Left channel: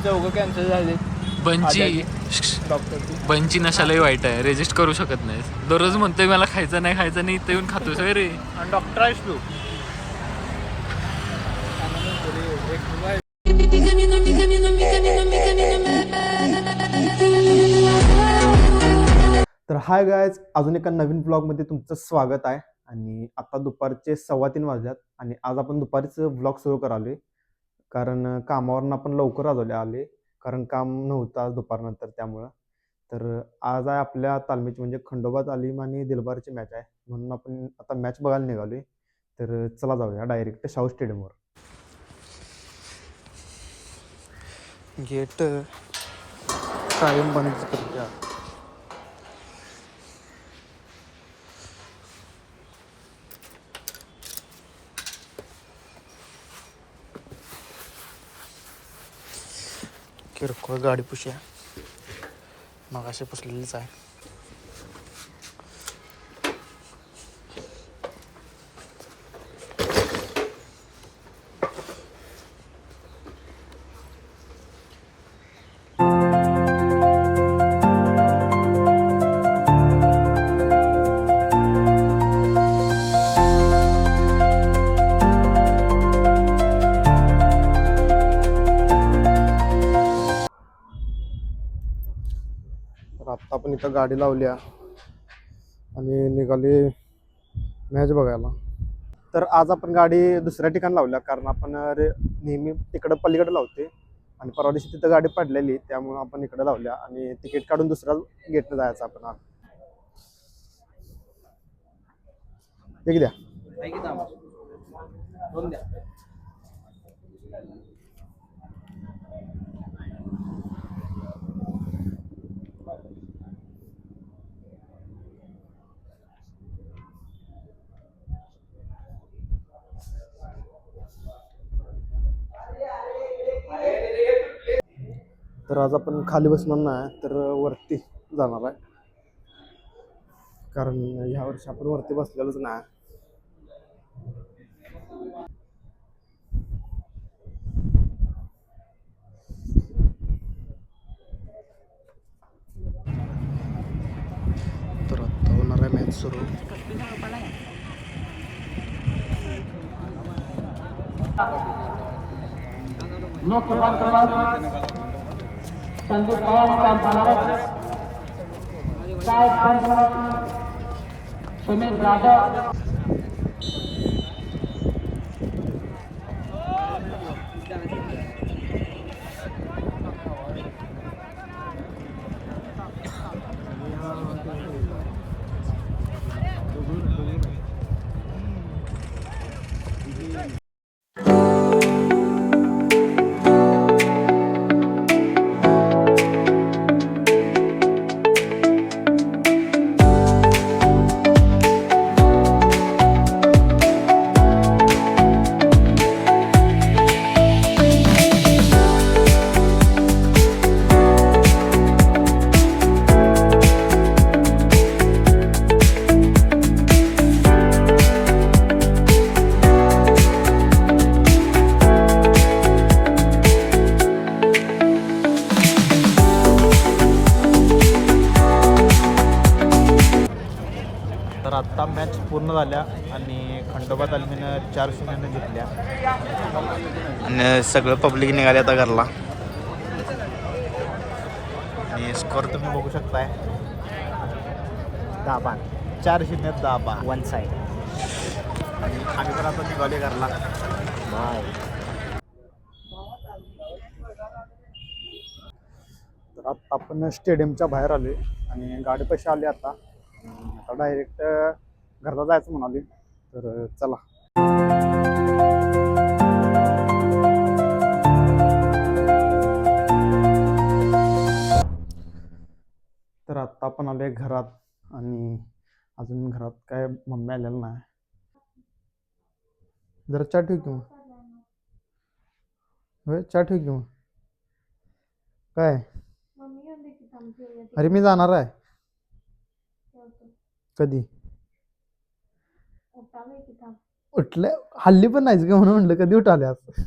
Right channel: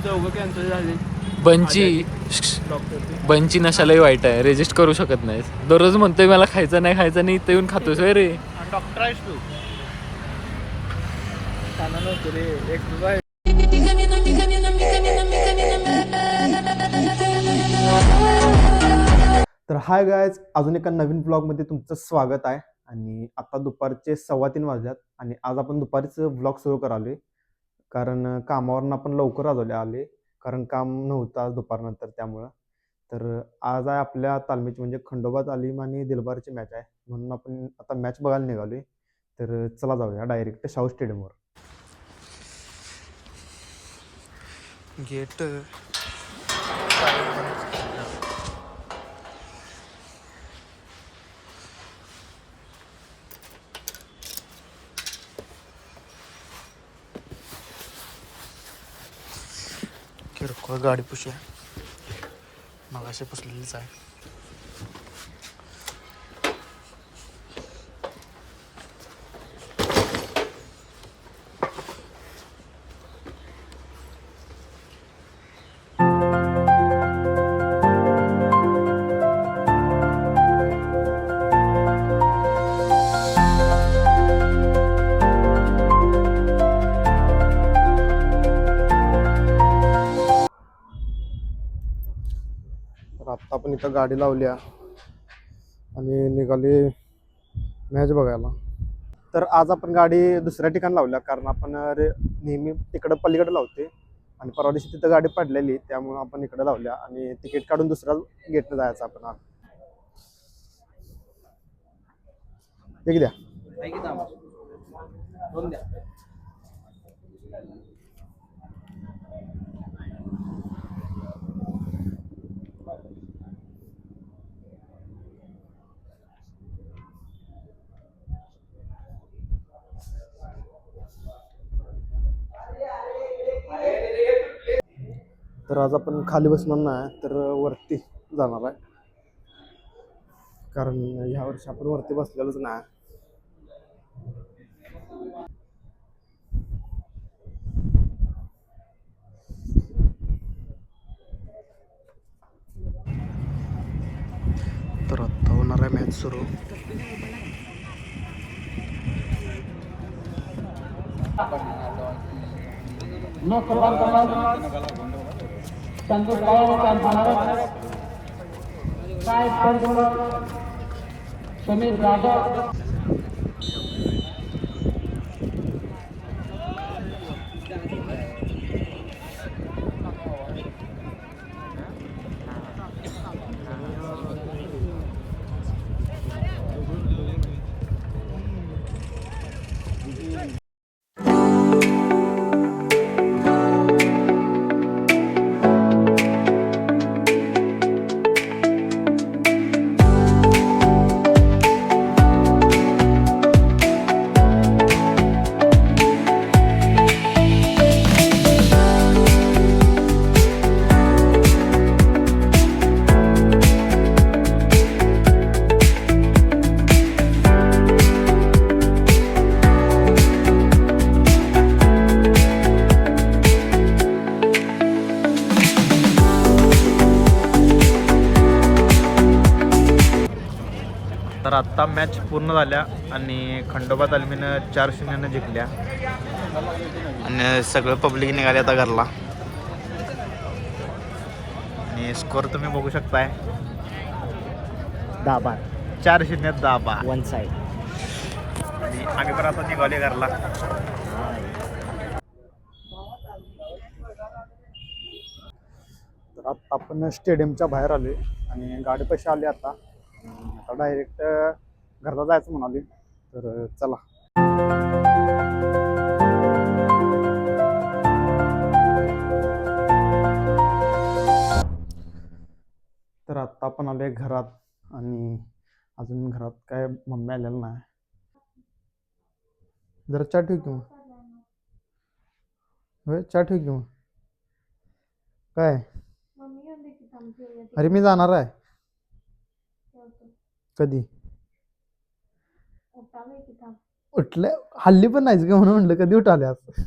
Cancel झाली. बंची नशालाही वाईट आहे, रेजिस्ट करू शकत नाही. दररोज म्हणतोय मला खायचं नाही इथं येऊन खातोस रे. डॉक्टर आहेस तू. तर हाय गायज, अजून एका नवीन ब्लॉगमध्ये तुमचं स्वागत आहे. आणि आता दुपारचे 3:15 वाजल्यात आणि आज आपण दुपारीच ब्लॉग सुरू करालोय, कारण कामावरून आपण लवकर आले कारण काम नव्हतं आज दुपारनंतर. त्यामुळं तर आज आहे आपल्या तालमीची म्हणजे खंडोबा तालीम आणि दिलबारची मॅच आहे, म्हणून आपण आता मॅच बघायला निघालोय. तर चला जाऊया डायरेक्ट शाहू स्टेडियमवर. गेट कायम बंद करूया. किरकोळ गाडी पुशूया, मग असे पुसलेलीच आहे. तर आत्ता आपण इथं गाडी लावल्या आणि निघाली मॅच बघायला. तर आज आपण गाडी दुसऱ्या ठिकाणी लावल्या, कारण आपण नेहमी तिकडं पलीकडे लावते आणि परवा दिवशी तिथं गाडी पडलेली, त्यामुळं आपण इकडे लावल्या आणि तिकीट काढून दुसऱ्या गेटनं जायचं आपण. आज एक द्या. तर आज आपण खाली बसणार नाही, तर वरती जाणार आहे, कारण ह्या वर्षी आपण वरती बसलेलोच नाही. तर आत्ता होणार आहे मॅच सुरू. तर आत्ता मॅच पूर्ण झाल्या आणि खंडोबा तालमीनं 4-0 जिंकल्या आणि सगळं पब्लिक निघाले आता घरला. आणि स्कोअर तुम्ही बघू शकताय, 4-0 वन साईड. आणि आम्ही पण आता निघाले घरला. तर आता आपण स्टेडियमच्या बाहेर आले आणि गाडी पैसे आले. आता डायरेक्ट घरला जायचं म्हणाले, तर चला. तर आत्ता आपण आलोय घरात आणि अजून घरात काय मम्मी आलेलं नाही. जरा चहा ठेव किंवा होय चहा ठेव किंवा काय. अरे मी जाणार आहे. कधी उठलं हल्ली पण नाहीच का, म्हणून म्हटलं कधी उठाले आज.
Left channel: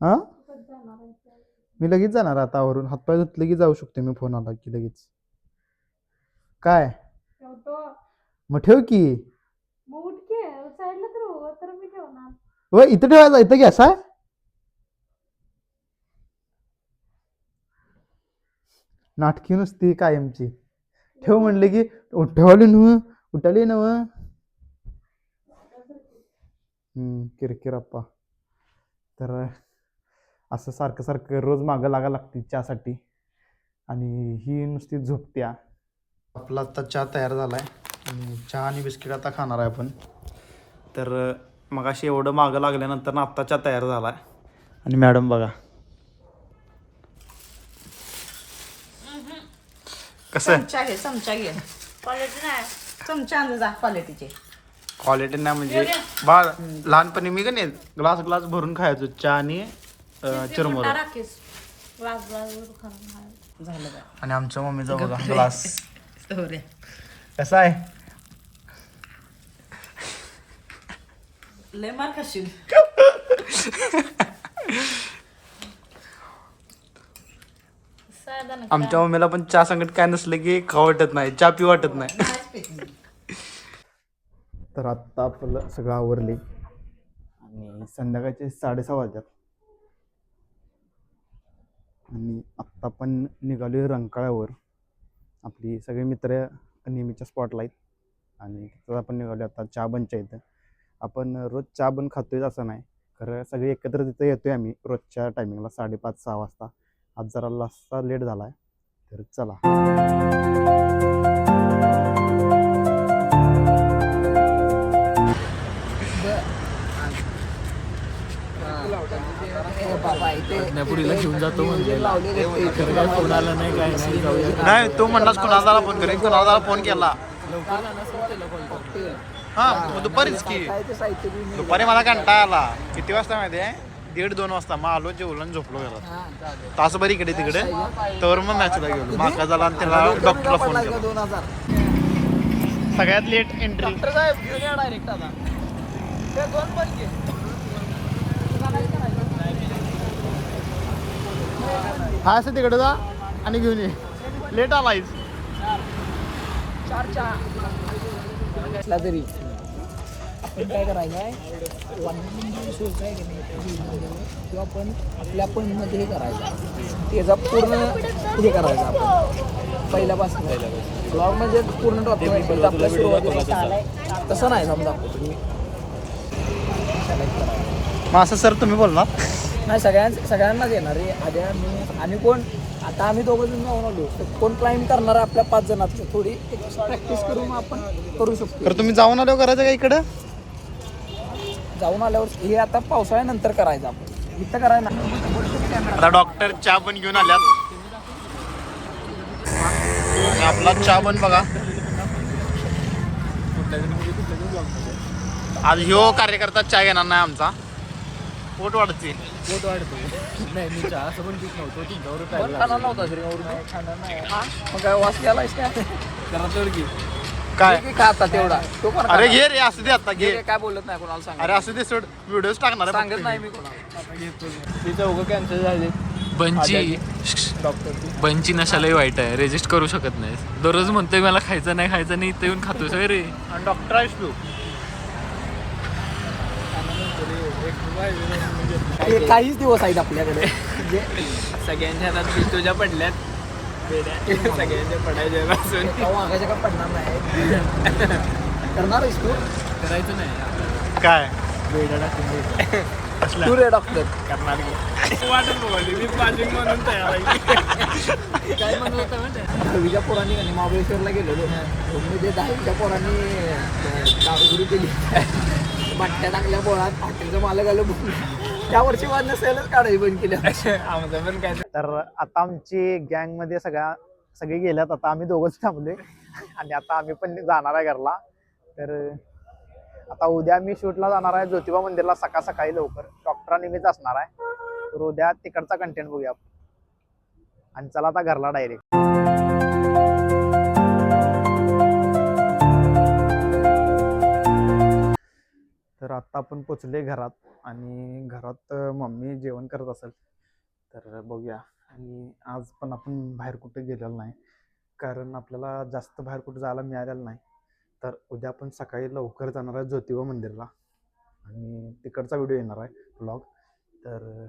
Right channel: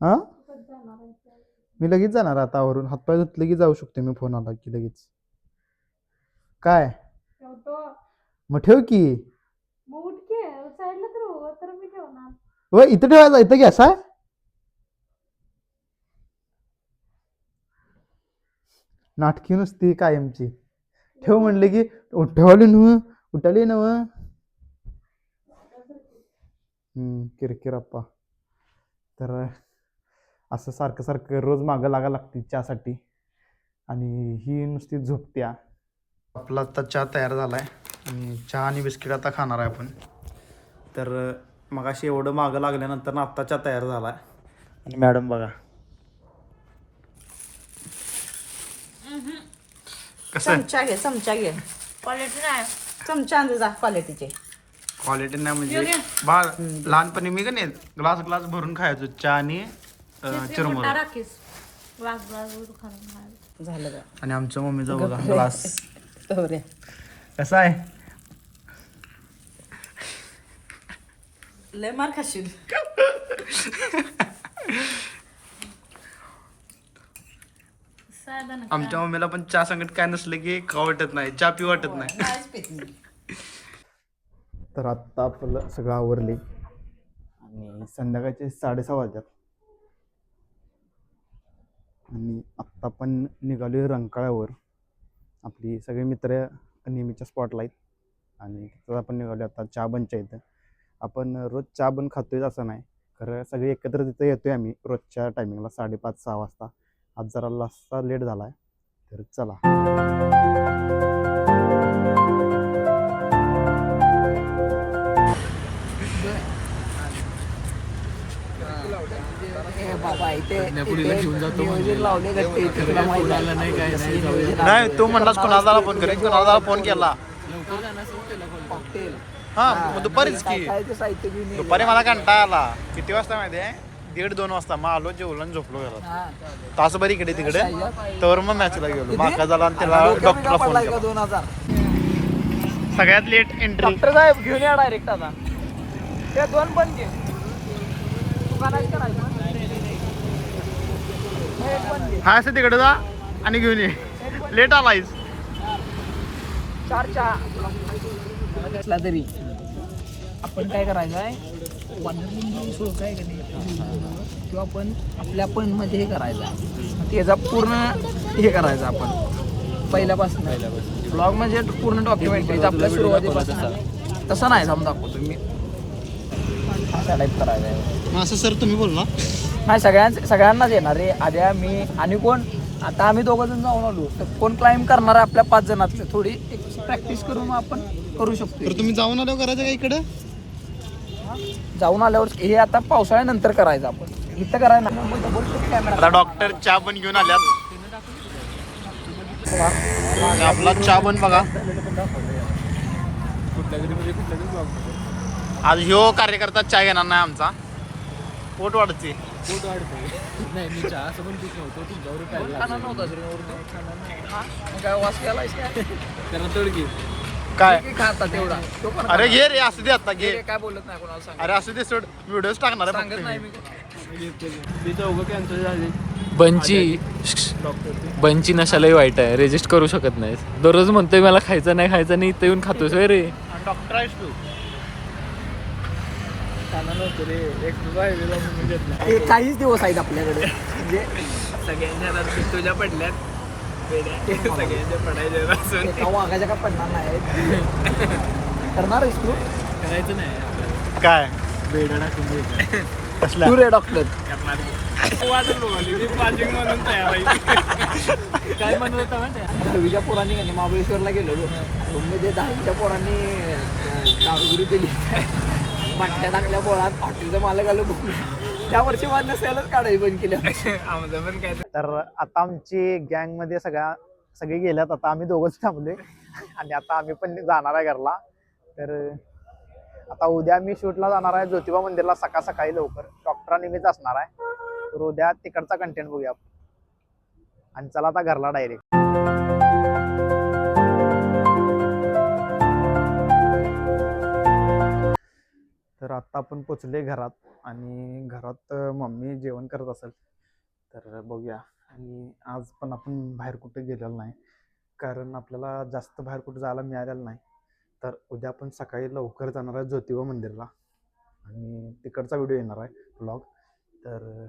हा मी लगेच जाणार आता आवरून हातपाय धुतले की जाऊ शकतो मी फोन आला की लगेच. काय मग ठेव की. व इथं ठेवायचा इथं गॅस आहे. नाटकी नुसती कायमची. ठेव म्हणले की ठेवले नव उठाले नव. किरकिर अप्पा. तर असं सारखं सारखं रोज मागं लागा लागते चहासाठी आणि ही नुसती झोपत्या. आपला आता चहा तयार झालाय आणि चहा आणि बिस्किट आता खाणार आहे आपण. तर मगाशी एवढं मागं लागल्यानंतर ना आत्ता चहा तयार झालाय आणि मॅडम बघा कसं आहे. चमचा घे क्वालिटी नाही चमचा आणून जा क्वालिटीचे. क्वालिटी नाही म्हणजे बाळ लहानपणी मी का नाही ग्लास ग्लास भरून खायचो चहा आणि चिरमुरे. झालं का आणि आमच्या मम्मीचा बघा ग्लास रे कसा आहे. लय मार खाशील. आमच्या मम्मीला पण चहा संगत काय नसलं की खाऊ वाटत नाही चहा पिऊ वाटत नाही. तर आत्ता आपलं सगळं आवरले आणि संध्याकाळचे 6:30 वाजतात आणि आत्ता पण निघालोय रंकाळ्यावर. आपली सगळे मित्र नेहमीच्या स्पॉटला आहेत आणि तिथं आपण निघालो आता चहा बनच्या इथं. आपण रोज चहा बन खातोय असं नाही खरं सगळे एकत्र तिथं येतोय आम्ही रोजच्या टायमिंगला 5:30-6 वाजता. आज जरा लास्टचा लेट झाला आहे तर चला. पुढीला घेऊन जातो म्हणलेला खरं काय फोन आला नाही काय नाही. जाऊया नाही तू म्हणलास कुणाला फोन करेन कुणाला फोन केला. लवकर जाणार असेल त्याला कॉल करतो. हा मग दुपारीच की दुपारी मला कंटाळा आला. किती वाजता माहिती आहे 1:30-2 वाजता मग आलो जेवलो आणि झोपलो घरात. तासभर इकडे तिकडे तर मग मॅचला गेलो. माका झाला आणि त्याला डॉक्टरला फोन केला. सगळ्यात लेट एंट्री. हा असं तिकडे जा आणि घेऊन ये. लेट आलायस तरी आपण काय करायचं आहे किंवा आपण आपल्या पण मध्ये हे करायचं त्याचा पूर्ण हे करायचं आपण पहिल्यापासून ब्लॉग म्हणजे पूर्ण डॉक्युमेंट आपल्या सुरुवातीपासून तसं नाही समजा तुम्ही. मग असं सर तुम्ही बोल ना. नाही सगळ्यांनाच येणार रे. आद्या मी आणि कोण आता आम्ही 2 जण जाऊन आलो तर कोण क्लाइंब करणार आहे आपल्या 5 जणातले थोडी प्रॅक्टिस करून आपण करू शकतो. तर तुम्ही जाऊन आलो करायचं का इकडं. जाऊन आल्यावर हे आता पावसाळ्यानंतर करायचं आपण इथं करायला. आता डॉक्टर चहा पण घेऊन आल्यात. आपला चहा पण बघा. आज ह्यो कार्यकर्ता चहा घेणार नाही आमचा. पोट वाढते. पोट वाढतोय. नाही मी चहा असं पण पीत नव्हतो. तुमच्यावर प्यायला लागलो. जरा तोडकी काय खाता तेवढा अरे घे रे असू दे आता घे. काय बोलत नाही कोणाला सांग. अरे असू दे सोड व्हिडिओज टाकणार आहे फक्त मी. तिचं उगं कॅन्सल झाली. बंची नशालाही वाईट आहे. रेजिस्ट करू शकत नाही. दररोज म्हणतोय मला खायचं नाही इथं येऊन खातोस रे. डॉक्टर आहेस तू. काहीच दिवस आहेत आपल्याकडे म्हणजे सगळ्यांच्या हातात तुझ्या पडल्यात. सगळ्यांच्या पडायच्या मागायच्या का पडणार नाही. करणार आहेस तू. करायचं नाही आपल्याला. काय बेडा टाकून द्यायचा. कसला तू रे डॉक्टर वाटत बघाली मी पासिंग म्हणून तयार आहे. काय म्हणत होता माहिती आहे. 10वीच्या पोरांनी का नाही महाबळेश्वरला गेलेलो. म्हणजे 10वीच्या पोरांनी दारूगिरी केली बाटल्या टाकल्या पोरात हॉटेलचं मालक आलं बघून त्या वर्षी माझं सेलच काढायची बंद केल्या. आमचं पण काय तर आता आमची गँग मध्ये सगळे गेल्यात. आता आम्ही दोघंच थांबलोय आणि आता आम्ही पण जाणार आहे घरला. तर आता उद्या मी शूटला जाणार आहे ज्योतिबा मंदिरला सकाळी लवकर. डॉक्टरांनिमित्त असणार आहे. तर उद्या तिकडचा कंटेंट बघूया आणि चला आता घरला डायरेक्ट. तर आता आपण पोचले घरात आणि घरात मम्मी जेवण करत असेल तर बघूया. आणि आज पण आपण बाहेर कुठे गेलेलो नाही, कारण आपल्याला जास्त बाहेर कुठे जायला मिळालेलं नाही. तर उद्या आपण सकाळी लवकर जाणार आहे ज्योतिबा मंदिरला आणि तिकडचा व्हिडिओ येणार आहे ब्लॉग. तर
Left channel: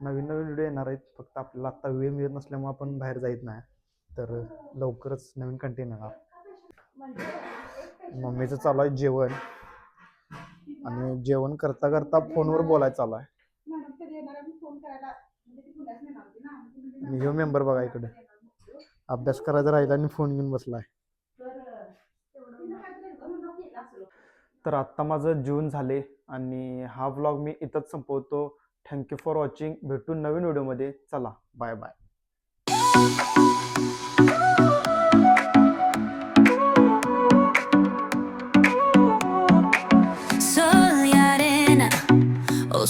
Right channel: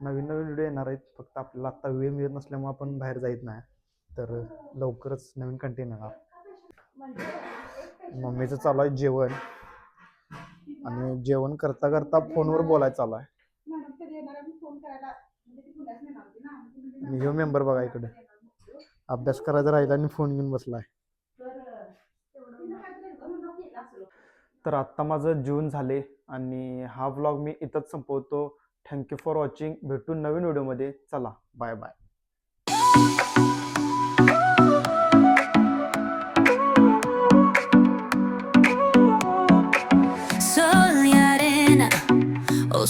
नवीन नवीन व्हिडिओ येणार आहेत. फक्त आपल्याला आत्ता वेळ मिळत नसल्यामुळे आपण बाहेर जात नाही. तर लवकरच नवीन कंटेंट येणार. मम्मीचं चालू आहे जेवण आणि जेवण करता करता फोनवर बोलायचं चालू आहे. आणि ह्यो मेंबर बघा इकडे अभ्यास करायचा राहिला आणि फोन घेऊन बसलाय. तर आत्ता माझं जेवण झाले आणि हा व्लॉग मी इथंच संपवतो. Thank you for watching. भेटू नवीन व्हिडिओमध्ये. चला bye bye. Soy arena, oh,